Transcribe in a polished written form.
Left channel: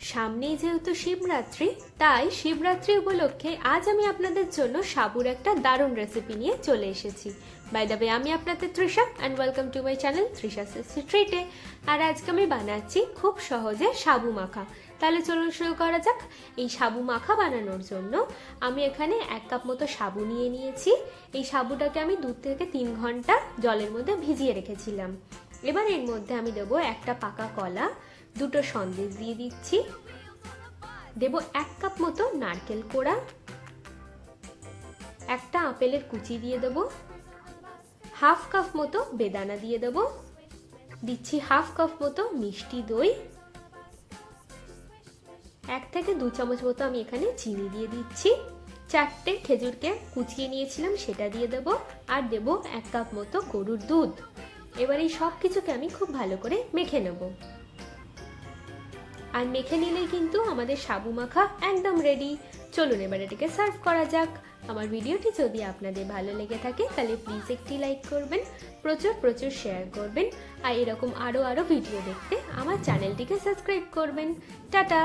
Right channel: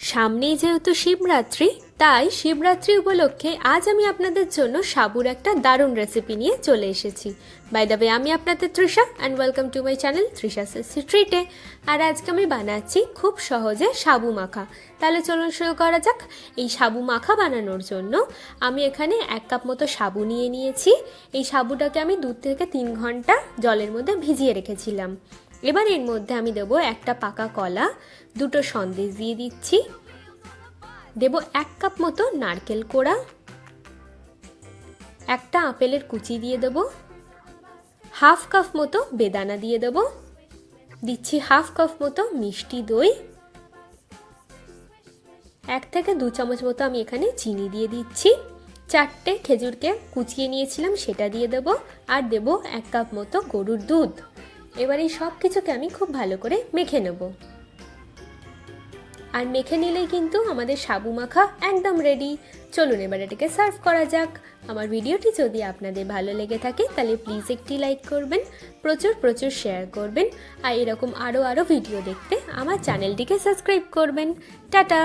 সামনেই যেহেতু শিবরাত্রি, তাই শিবরাত্রি উপলক্ষে আজ আমি আপনাদের জন্য সাবুর একটা দারুণ রেসিপি নিয়ে চলে এসেছি। বাই দ্য ওয়ে, আমি আপনাদের Trisha and welcome to my channel Trisha ট্রিটে। আর আজকে আমি বানাচ্ছি খুব সহজে সাবু মাখা। তাহলে চলুন শুরু করা যাক। এই সাবু মাখা বানানোর জন্য আমি এখানে 1 কাপ মতো সাবু নিয়ে নিয়েছি। এই সাবুটাকে আমি 2 থেকে 3 ঘন্টা জলের মধ্যে ভিজিয়ে রেখেছিলাম। এবার এর মধ্যে আমি দেবো একটা পাকা কলা, 2টো সন্দেশ দিয়ে দিচ্ছি, দেব 1 কাপ মতো নারকেল কোড়া, একটা আপেলের কুচি দিয়ে দেব, হাফ কাপ মতো বেদানা দিয়ে দেব, দিচ্ছি হাফ কাপ মতো মিষ্টি দই, 1 থেকে 2 চামচ মতো আমি এখানে চিনি দিয়ে দিচ্ছি, 4টে খেজুরকে কুচিয়ে নিয়েছিলাম সেটা দিয়ে দেব, আর দেব 1 কাপ মতো গরুর দুধ। এবার এই সব কিছুকে আমি খুব ভালো করে মেখে নেব। আর মেখে নিলেই কিন্তু আমাদের সাবু মাখা একদম রেডি। চলুন এবার এটাকে সার্ভ করা যাক। আমার ভিডিওটি যদি আপনাদের ভালো লেগে থাকে তাহলে প্লিজ একটি লাইক করবেন, প্রচুর শেয়ার করবেন, আর এরকম আরও ভিডিও দেখতে আমার চ্যানেলটিকে সাবস্ক্রাইব করবেন। টাটা।